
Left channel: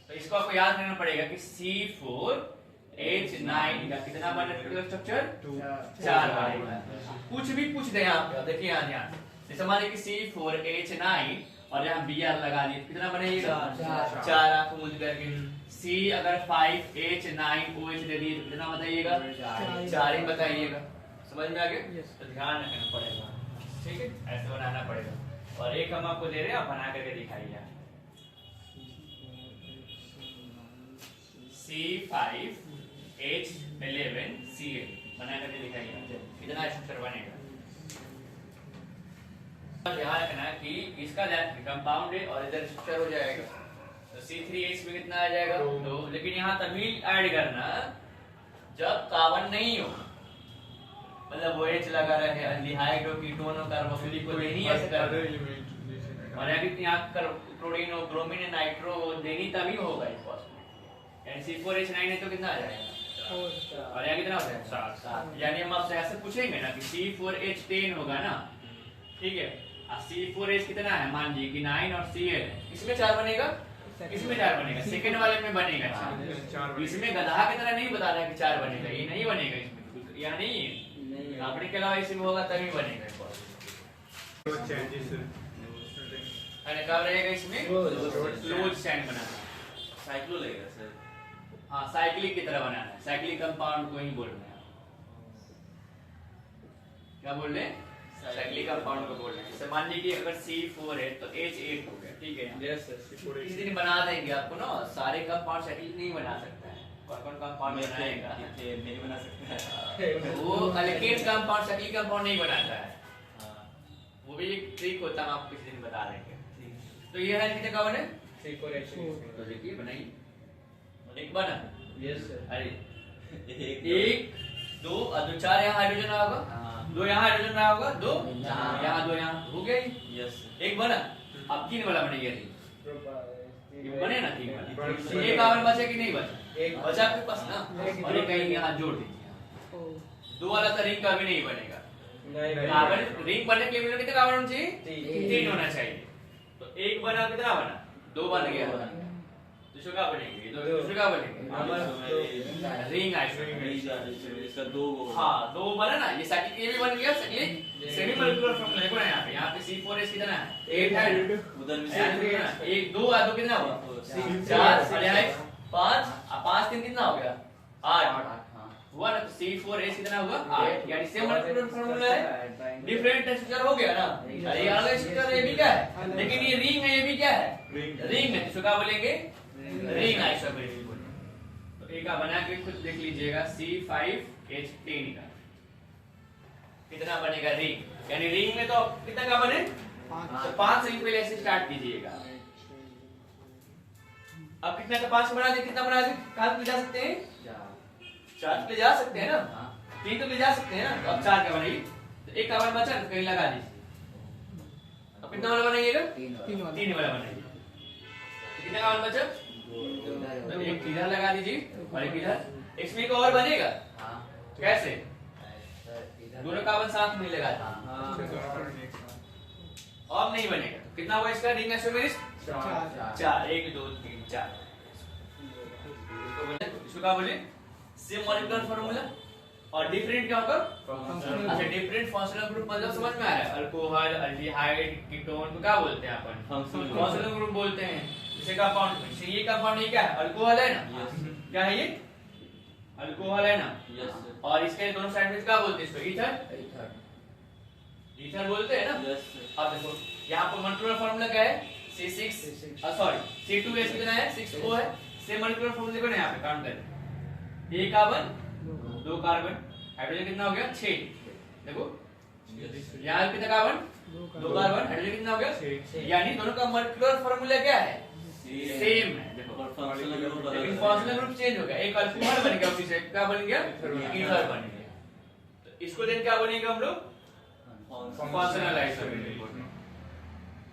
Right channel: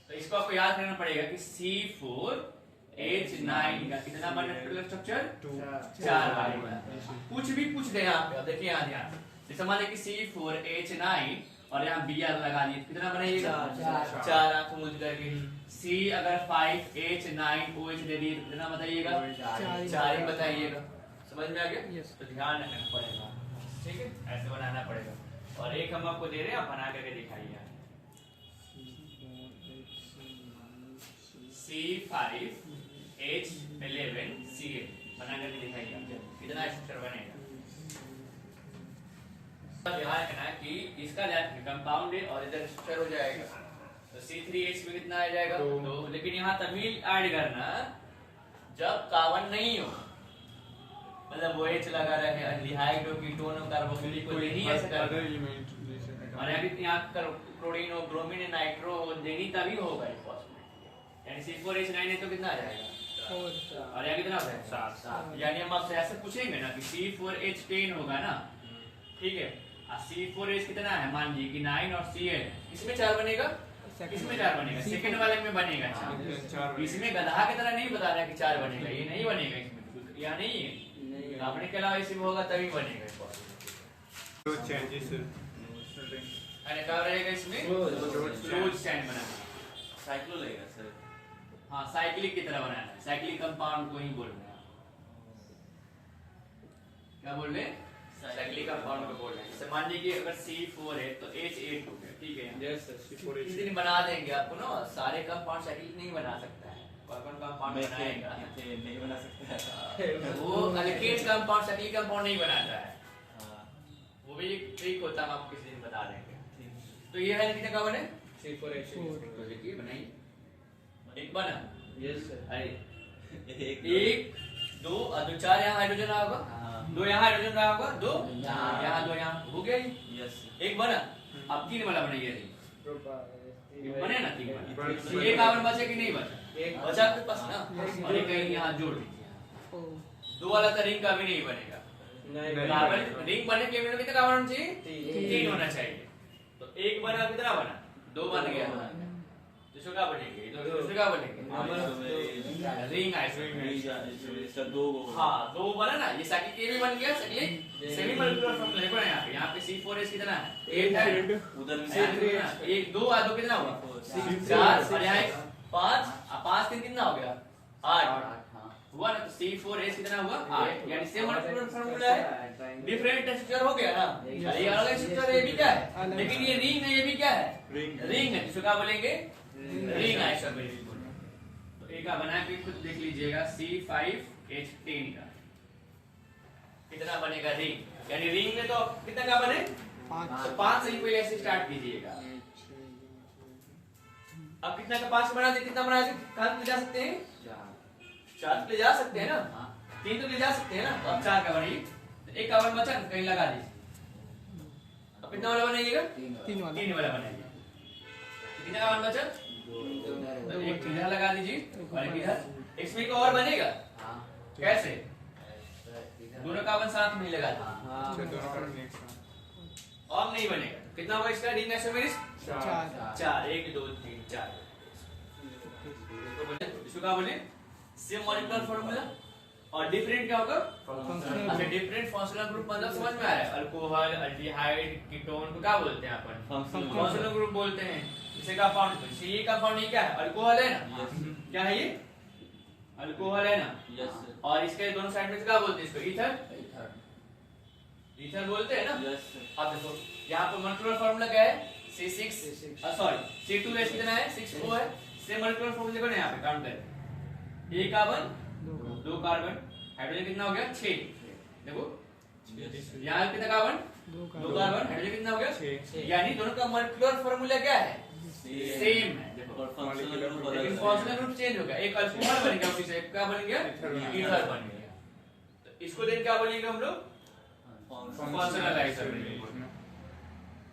तो इसको आपको याद रखना पड़ेगा कि C4H9 का कितना बनेगा स्ट्रक्चर 4 बनेगा। कुछ भी पूछ दे यहाँ पे, देखिए यहाँ ध्यान, जैसे माने कि C4H9 और यहाँ Br लगा दिए कितना बनेगा 4 आंख मूंद करके। C अगर 5H9OH दे दिए तो कितना बताइएगा 4 ही बताइएगा। समझ में आ गया? तो ध्यान रखना पड़ेगा, ठीक है, ऐसे बनाना पड़ेगा। और एक हम आपको दे रहे हैं, आप बना करके दिखाइए। C5H11Cl बना करके दिखाइए, इतना स्ट्रक्चर बनेगा। ध्यान रखना कि इसका कंपाउंड है और इधर स्ट्रक्चर हो जाएगा। तो C3H में कितना आ जाएगा 2, लेकिन यहाँ तभी ऐड करना जब कार्बन नहीं हो, मतलब वो H लगा रहे हैं एल्डिहाइड हो कीटोन हो कार्बोक्सिलिक हो, नहीं ऐसे कर। और यहाँ क्लोरीन हो ब्रोमीन हो नाइट्रो हो देनी तभी होगा इस फॉस्फेट। यानी C4H9 है तो कितना आ जाएगा और यहाँ कितना होता है 7। यानी हम आपसे ऐसे पूछेंगे ना कि C4H10 होगा ना, ठीक है, C4H कितना है मान लीजिए कि 9 और Cl इसमें 4 बनेगा, इसमें 4 बनेगा, सेकंड वाले में बनेगा 4। इसमें गधा की तरह नहीं बता रहा है कि 4 बनेगा, ये नहीं बनेगा इसमें, यहाँ नहीं है, आपने के अलावा इसमें होगा तभी बनेगा। कब रहेगा इसमें क्लोज चैन बनाना, साइक्लो लेगा सर। हाँ साइक्लिक की तरह बनाना है, साइक्लिक कंपाउंड को ही बोलना है। क्या बोल रहे हैं साइक्लिक कंपाउंड को बोलना है। जैसे मान लीजिए अगर C4 है तो H8 हो गया, ठीक है। यस सर C4H इस दिन बना देंगे आपको ना, सारे कंपाउंड साइक्लिक नहीं बना सकता है, कौन कंपाउंड बनाएगा नहीं बना सकता वो अल्केन कंपाउंड साइक्लिक कंपाउंड नहीं बनाता है, वो भी एक ट्रिक होता है, हम आपको किसी दिन बता देंगे। तो ये है कितने कार्बन है C4H। तो देखिए बनाइए, एक बना यस सर। अरे 1 2 और 2 4 यहाँ हाइड्रोजन रहा होगा, 2 यहाँ हाइड्रोजन रहा होगा, 2 यहाँ 2 यहाँ हो गया ही यस। एक बना, अब 3 वाला बनाइए, बने ना 3 वाला। एक कार्बन बचा कि नहीं बचा, एक बचा आपके पास ना, और एक कहीं यहाँ जोड़ दीजिए। 2 वाला तो रिंग का भी नहीं बनेगा, कार्बन रिंग बनने के लिए कितने कार्बन होना चाहिए 3 होना चाहिए। तो एक बना कितना बना 2 बन गया, दूसरा क्या बनेंगे, दूसरा क्या बनेंगे रिंग आइसोमेरिक। इसका 2 हाँ 2 बना ना, ये साइक्लिक ये भी बन गया साइक्लिक सेमी मॉलिक्यूलर फॉर्मूला देखो ना, यहाँ पे C4H कितना है 8 है, उधर में 1 2 और 2 कितना हुआ 4 और यहाँ 5 और 5 3 कितना हो गया 8 हुआ ना। तो C4H कितना हुआ 8, यानी सेम मॉलिक्यूलर फॉर्मूला है, डिफरेंट स्ट्रक्चर हो गया ना। ये अलग स्ट्रक्चर है, ये भी क्या है, लेकिन ये रिंग है, ये भी क्या है रिंग है, इसको क्या बोलेंगे रिंग आइसोमेरिक बोलेंगे। तो एक बना के खुद देख लीजिएगा C5H10 का। कितना बनेगा रिंग, यानी रिंग में तो कितना का बने, तो 5 से ही पहले ऐसे स्टार्ट कीजिएगा। अब कितना का 5 बना दे, कितना बना दे, कहां ले जा सकते हैं, 4 ले जा सकते हैं ना, 3 तो ले जा सकते हैं ना, तो अब 4 का बनेगी, तो एक का बचा तो कहीं लगा दीजिए। अब कितना वाला बनाइएगा, 3 वाला बनाइए। कितना का बचा, तो एक इधर लगा दीजिए और एक इधर। इसमें एक और बनेगा, कैसे, दोनों कार्बन साथ में लगा दीजिए, और नहीं बनेगा। तो कितना होगा इसका रिंग आइसोमेरिस, 4, 1 2 3 4। इसको क्या बोले, सेम मॉलिक्यूलर फार्मूला और डिफरेंट क्या होगा, अच्छा डिफरेंट फंक्शनल ग्रुप, मतलब समझ में आ रहा है, अल्कोहल, अल्डिहाइड, कीटोन को क्या बोलते हैं अपन, फंक्शनल ग्रुप बोलते हैं। जैसे कंपाउंड, ये कंपाउंड ये क्या है, अल्कोहल है ना, क्या है ये, अल्कोहल है ना, और इसके दोनों साइड में क्या बोलते हैं इसको, ईथर, ईथर बोलते हैं ना। अब देखो यहाँ पर मॉलिक्यूलर फार्मूला क्या है, C6 सॉरी C2H कितना है, 6O है। सेम मॉलिक्यूलर फार्मूला को यहाँ पे काउंट करें, 1 कार्बन 2 कार्बन, हाइड्रोजन कितना हो गया 6। देखो यहाँ कितना कार्बन 2 कार्बन, हाइड्रोजन कितना हो गया 6, यानी दोनों का मॉलिक्यूलर फार्मूला क्या है, सेम है। देखो लेकिन फंक्शनल ग्रुप चेंज हो गया, एक अल्कोहल बन गया, उसी से क्या बन गया, ईथर बन गया। तो इसको देन क्या बनेगा हम लोग, फंक्शनल आइसोमेरिक,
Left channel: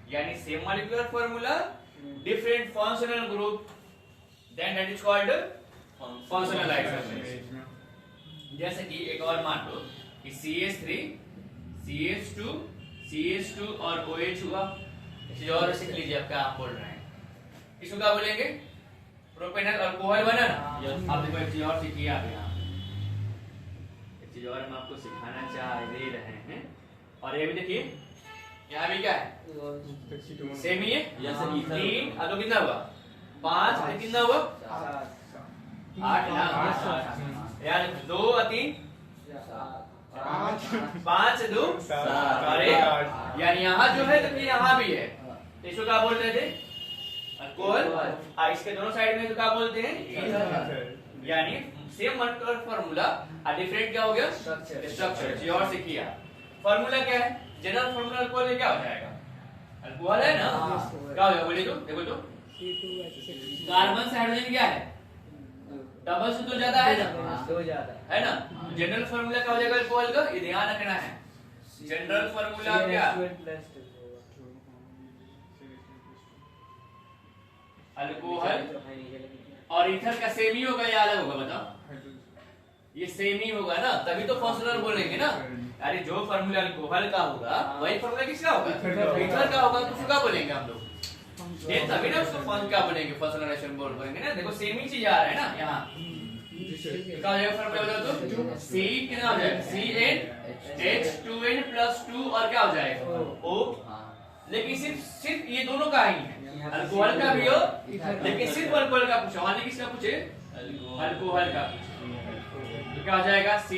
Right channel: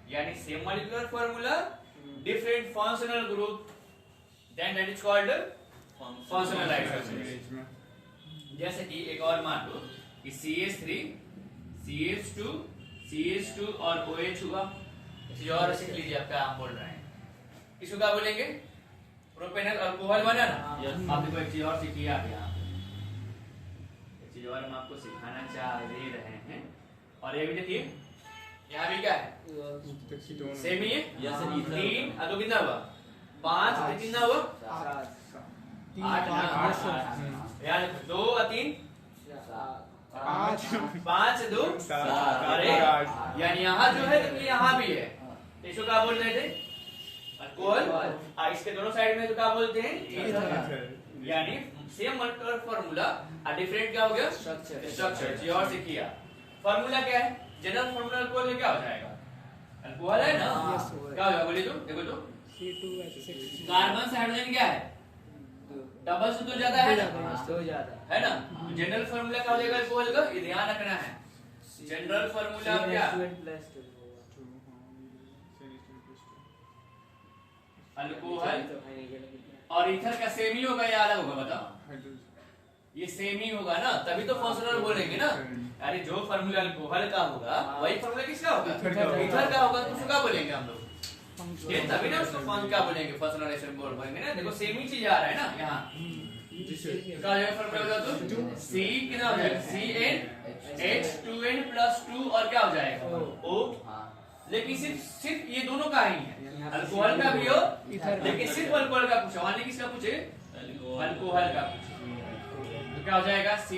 यानी same molecular formula different functional group, then that is called functional isomeric. जैसे कि एक और मान लो कि CH3 CH2 CH2 और OH हुआ, इसे और सीख लीजिए आप क्या बोल रहे हैं, इसको क्या बोलेंगे, प्रोपेनल अल्कोहल बना ना। आप देखो एक चीज और सीखिए आप, यहाँ एक चीज और हम आपको सिखाना चाह रहे हैं, और ये भी देखिए यहाँ भी क्या है, सेम ही है, 3 अब तो कितना हुआ 5, कितना हुआ 8 ना, यार 2 और 3 5 2 अरे यानी यहाँ जो है तो यहाँ भी है, इसको क्या बोल रहे थे, अल्कोहल, इसके दोनों साइड में तो क्या बोलते हैं, ईथर। यानी सेम मॉलिक्यूलर फार्मूला और डिफरेंट क्या हो गया, स्ट्रक्चर। जी और सीखिए, फार्मूला क्या है, जनरल फार्मूला अल्कोहल में क्या हो जाएगा, अल्कोहल है ना, क्या होगा बोलिए तो, देखो तो कार्बन से हाइड्रोजन क्या है, डबल से तो ज्यादा है ना, है ना। जनरल फार्मूला क्या हो जाएगा अल्कोहल का, ये ध्यान रखना है, जनरल फार्मूला क्या, अल्कोहल और ईथर का सेम ही होगा या अलग होगा, बताओ, ये सेम ही होगा ना, तभी तो फंक्शनल बोलेंगे ना। अरे जो फार्मूला अल्कोहल का होगा वही फार्मूला किसका होगा, ईथर का होगा, तो उसको क्या बोलेंगे हम लोग, ये तभी ना उसको फंक्शन क्या बोलेंगे, फंक्शनल आइसोमेरिक बोलेंगे ना। देखो सेम ही चीज आ रहा है ना यहाँ, क्या हो जाएगा फार्मूला बताओ तो, C कितना हो जाएगा, CnH2n + 2 और क्या हो जाएगा O, लेकिन सिर्फ ये दोनों का ही है, अल्कोहल का भी हो, लेकिन सिर्फ अल्कोहल का पूछा, वहां किसका पूछे, अल्कोहल का पूछे, तो क्या हो जाएगा, C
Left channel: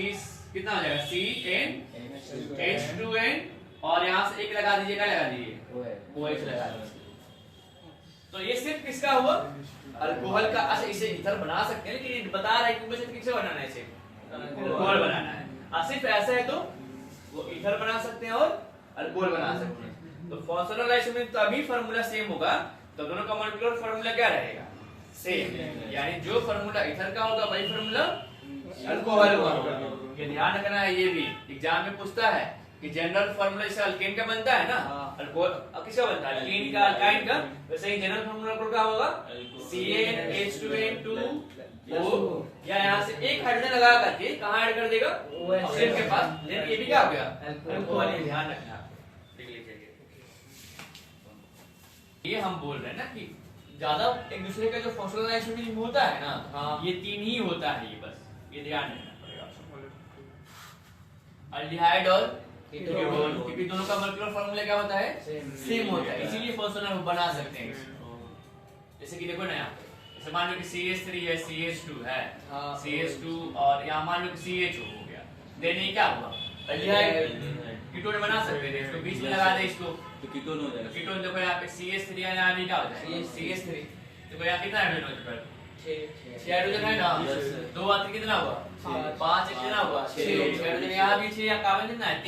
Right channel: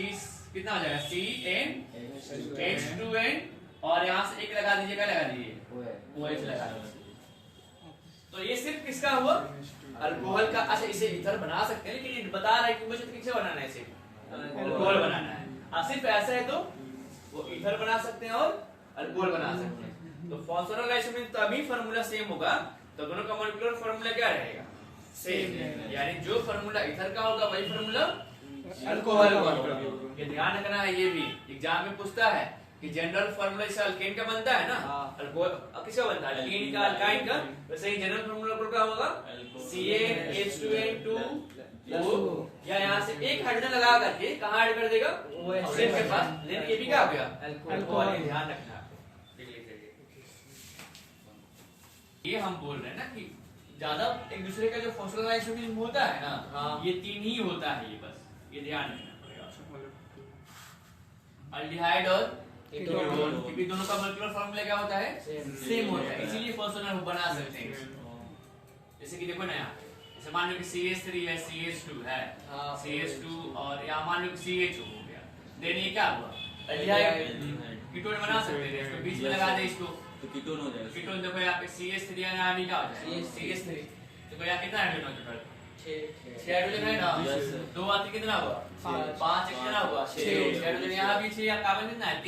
कितना हो जाएगा, CnH2n और यहाँ से एक लगा दीजिए, क्या लगा दीजिए, OH लगा दीजिए। तो ये सिर्फ किसका हुआ, अल्कोहल का। अच्छा इसे ईथर बना सकते हैं, लेकिन बता रहा है कि मुझे किससे बनाना है, इसे अल्कोहल बनाना है। सिर्फ ऐसा है तो वो ईथर बना सकते हैं और अल्कोहल बना सकते हैं। तो फंक्शनल आइसोमेरिक तभी फार्मूला सेम होगा, तो दोनों का मॉलिक्यूलर फार्मूला क्या रहेगा, सेम, यानी जो फार्मूला ईथर का होगा वही फार्मूला अल्कोहल का होगा। ये ध्यान रखना है, ये भी एग्जाम में पूछता है कि जनरल फार्मूला जैसे अल्केन का बनता है ना, अल्कोहल किसका बनता है, अल्केन का, अल्काइन का, वैसे ही जनरल फार्मूला क्या होगा, CnH2n2O, या यहाँ से एक हाइड्रोजन लगा करके कहाँ ऐड कर देगा, ऑक्सीजन के पास, लेकिन ये भी क्या हो गया, अल्कोहल। ध्यान रखना आपको, लिख लीजिए। ये हम बोल रहे हैं ना कि ज्यादा एक दूसरे का जो फंक्शनल आइसोमेरिक होता है ना, ये 3 ही होता है, ये बस ये ध्यान रखना पड़ेगा, अल्डिहाइड और कीटोन, क्योंकि दोनों का मॉलिक्यूलर फार्मूला क्या होता है, सेम होता है, इसीलिए फंक्शनल बना सकते हैं। जैसे कि देखो ना यहाँ, जैसे मान लो कि CH3 है, CH2 है, CH2 और यहाँ मान लो कि CHO हो गया, देन ये क्या हुआ, अल्डिहाइड, कीटोन बना सकते थे, इसको बीच में लगा दे, इसको तो कीटोन हो जाएगा। कीटोन देखो यहाँ पे CH3 है, यहाँ भी क्या हो जाएगा, CH3, देखो यहाँ कितना हाइड्रोजन हो चुका है, 6 हाइड्रोजन है ना, 2 आते कितना हुआ 5 कितना हुआ 6 हाइड्रोजन यहाँ भी 6 कार्बन कितना है 3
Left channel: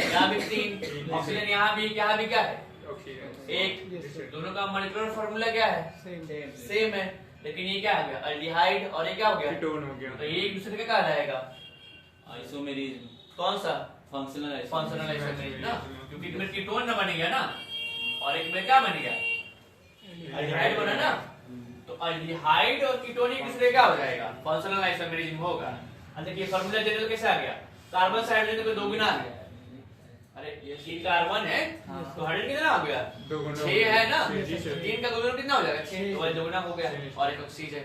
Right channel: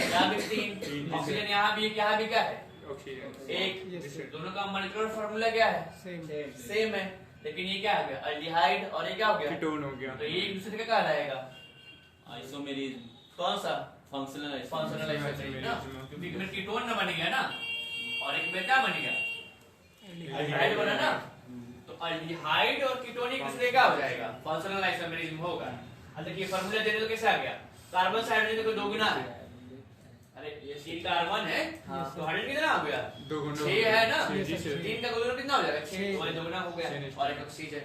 यहाँ भी 3 ऑक्सीजन यहाँ भी क्या है एक दोनों का मॉलिक्यूलर फार्मूला क्या है सेम है लेकिन ये क्या हो गया अल्डिहाइड और ये क्या हो गया कीटोन हो गया। तो ये एक दूसरे का क्या रहेगा आइसोमेरिज्म कौन सा फंक्शनल फंक्शनल आइसोमेरिज्म ना क्योंकि इसमें कीटोन ना बन गया ना और एक में क्या बन गया अल्डिहाइड बना ना तो अल्डिहाइड और कीटोन एक दूसरे का हो जाएगा फंक्शनल आइसोमेरिज्म होगा। अब देखिए फार्मूला दे दो कैसे आ गया कार्बन से हाइड्रोजन को 2 गुना है अरे ये 3 कार्बन है तो हाइड्रोजन कितना हो गया 2 गुना 6 है ना छह, जी, छह। 3 का 2 गुना कितना हो जाएगा 6 तो 2 गुना हो गया और एक ऑक्सीजन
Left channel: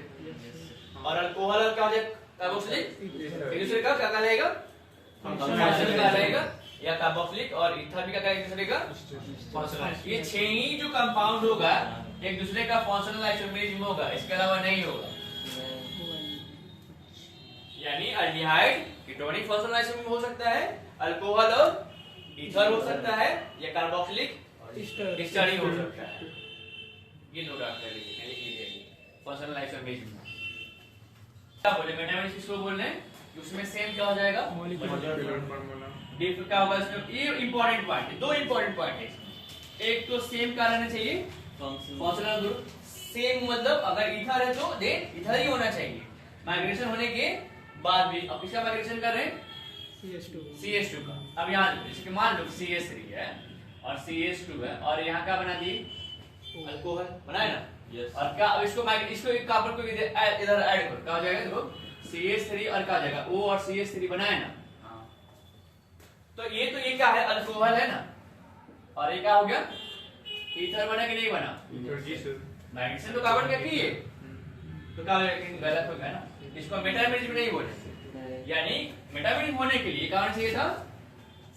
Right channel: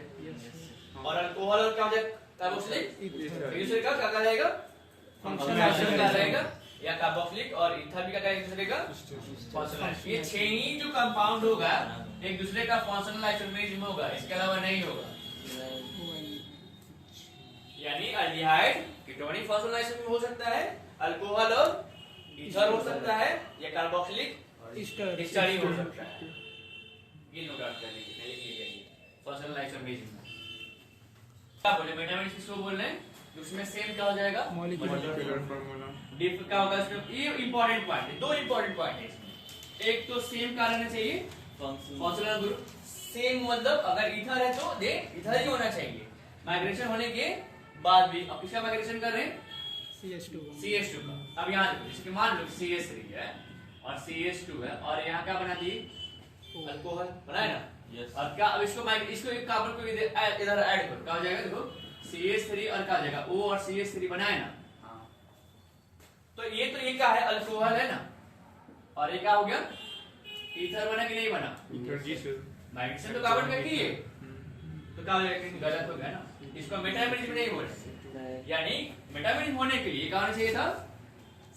और अल्कोहल क्या हो जाएगा कार्बोक्सिलिक एक दूसरे का क्या रहेगा फंक्शनल का रहेगा या कार्बोक्सिलिक और ईथर भी क्या एक दूसरे का फंक्शनल ये 6 ही जो कंपाउंड होगा एक दूसरे का फंक्शनल आइसोमेरिज्म होगा इसके अलावा नहीं होगा यानी अल्डिहाइड कीटोनिक फंक्शनल आइसोमेरिज्म हो सकता है अल्कोहल और ईथर हो सकता है या कार्बोक्सिलिक डिस्टरी हो सकता है ये नोट आउट कर लीजिए ये लीजिए फंक्शनल आइसोमेरिज्म क्या बोले मेटामेरिज्म किसको बोल रहे हैं उसमें सेम क्या हो जाएगा डिफ क्या होगा इसमें ये इंपॉर्टेंट पॉइंट है 2 इंपॉर्टेंट पॉइंट है इसमें एक तो सेम का रहना चाहिए फंक्शनल ग्रुप सेम मतलब अगर ईथर है तो दे ईथर ही होना चाहिए माइग्रेशन होने के बाद भी अब किसका माइग्रेशन कर रहे हैं CH2 का अब यहाँ जैसे कि मान लो CH3 है और CH2 है और यहाँ क्या बना दिए अल्कोहल बनाए ना Yes. और क्या अब इसको एक कार्बन को इधर ऐड करो क्या हो जाएगा देखो CH3 और क्या हो जाएगा O और CH3 बनाए ना तो ये क्या है अल्कोहल है ना और ये क्या हो गया ईथर बना कि नहीं बना माइग्रेशन तो कार्बन का की है तो क्या हो जाएगा गलत हो गया ना इसको मेटामेरिज्म नहीं बोलते यानी मेटामेरिज्म होने के लिए क्या होना चाहिए था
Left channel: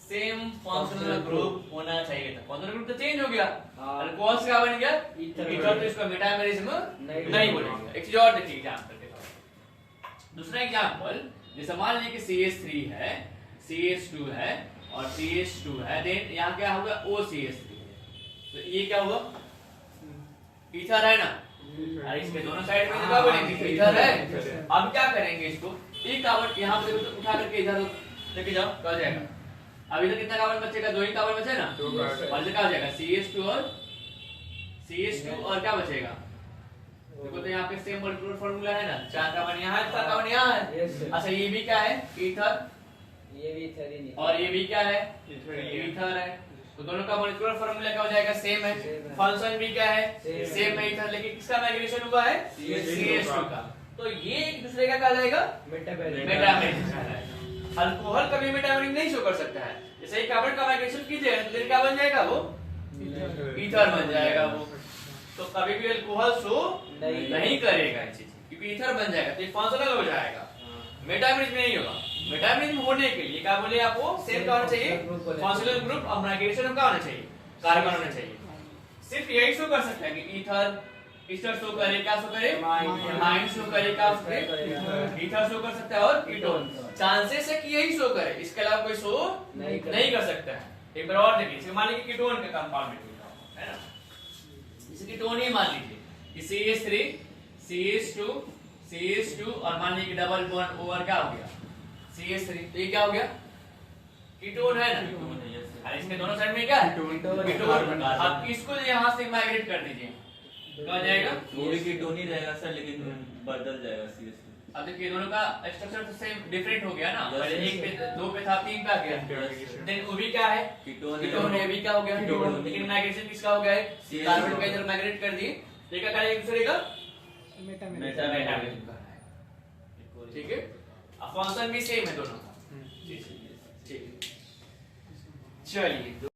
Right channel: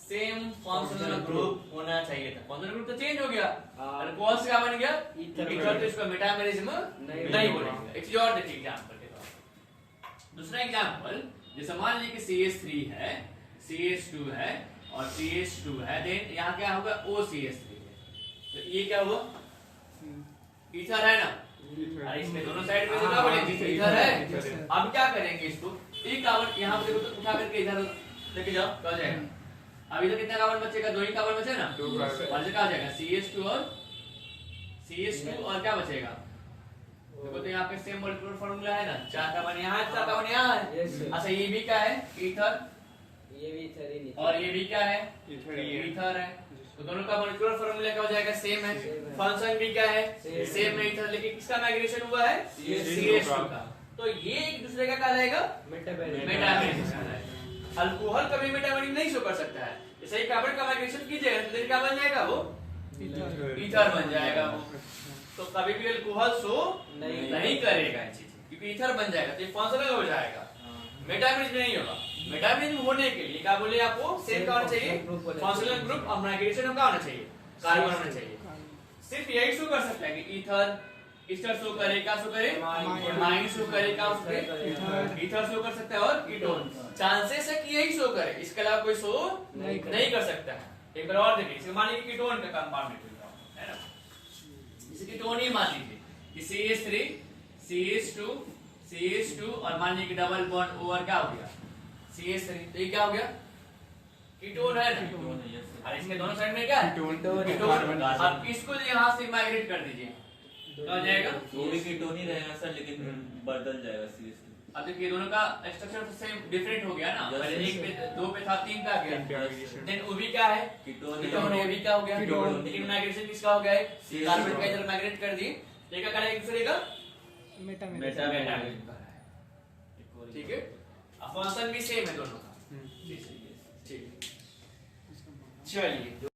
सेम फंक्शनल ग्रुप होना चाहिए था फंक्शनल ग्रुप तो चेंज हो गया अल्कोहल से क्या बन गया ईथर तो इसको मेटामेरिज्म नहीं बोलेंगे एक चीज और देखिए एग्जांपल के तौर दूसरा एग्जांपल जैसे मान लीजिए कि CH3 है CH2 है और CH2 है देन यहाँ क्या होगा OCH3 तो ये क्या हुआ ईथर है ना अरे इसके दोनों साइड में क्या बोलेंगे ईथर है अब क्या करेंगे इसको एक कार्बन यहाँ पे देखो उठा करके इधर लेके जाओ क्या हो जाएगा अब इधर कितना कार्बन बचेगा 2 ही कार्बन बचे ना और क्या हो जाएगा CH2 और क्या बचेगा देखो तो यहाँ पे सेम मॉलिक्यूलर फार्मूला है ना 4 कार्बन यहाँ है 4 कार्बन यहाँ है अच्छा ये भी क्या है ईथर ये भी ईथर ही नहीं और ये भी क्या है ये ईथर है तो दोनों का मॉलिक्यूलर फार्मूला क्या हो जाएगा सेम है फंक्शन भी क्या है सेम है ईथर लेकिन किसका माइग्रेशन हुआ है CH2 का तो ये एक दूसरे का क्या रहेगा मेटामेरिज्म कहलाएगा अल्कोहल कभी मेटामेरिज्म नहीं शो कर सकता है जैसे ही कार्बन का माइग्रेशन कीजिए तो फिर क्या बन जाएगा वो ईथर बन जाएगा वो तो कभी भी अल्कोहल शो नहीं करेगा इन चीजें क्योंकि ईथर बन जाएगा तो ये फंक्शनल हो जाएगा मेटामेरिज्म नहीं होगा मेटामेरिज्म होने के लिए क्या बोले आपको सेम क्या होना चाहिए फंक्शनल ग्रुप और माइग्रेशन क्या होना चाहिए कार्बन होना चाहिए सिर्फ यही शो कर सकता है कि ईथर शो करे क्या शो करे माइन शो करे क्या शो करे ईथर शो कर सकता है और कीटोन चांसेस है कि यही शो करे इसके अलावा कोई शो नहीं कर सकता है एक बार और देखिए मान लीजिए कीटोन का कंपाउंड है ना जैसे कीटोन ही मान लीजिए कि CH3 CH2 और मान लीजिए डबल बॉन्ड ओवर क्या हो गया CH3 तो ये क्या हो गया कीटोन है ना और इसके दोनों साइड में क्या है कीटोन अब इसको यहाँ से माइग्रेट कर दीजिए क्या हो जाएगा वो भी कीटोन ही रहेगा सर लेकिन बदल जाएगा CH2 अब देखिए दोनों का स्ट्रक्चर तो सेम डिफरेंट हो गया ना पहले 1 पे 2 पे था 3 पे आ गया देन वो भी क्या है कीटोन है भी क्या हो गया लेकिन माइग्रेशन किसका हो गया है कार्बन का इधर माइग्रेट कर दिए देखा करेगा एक दूसरे का मेटामेरिज्म का है ठीक है अब फंक्शन भी सेम है दोनों का ठीक है चलिए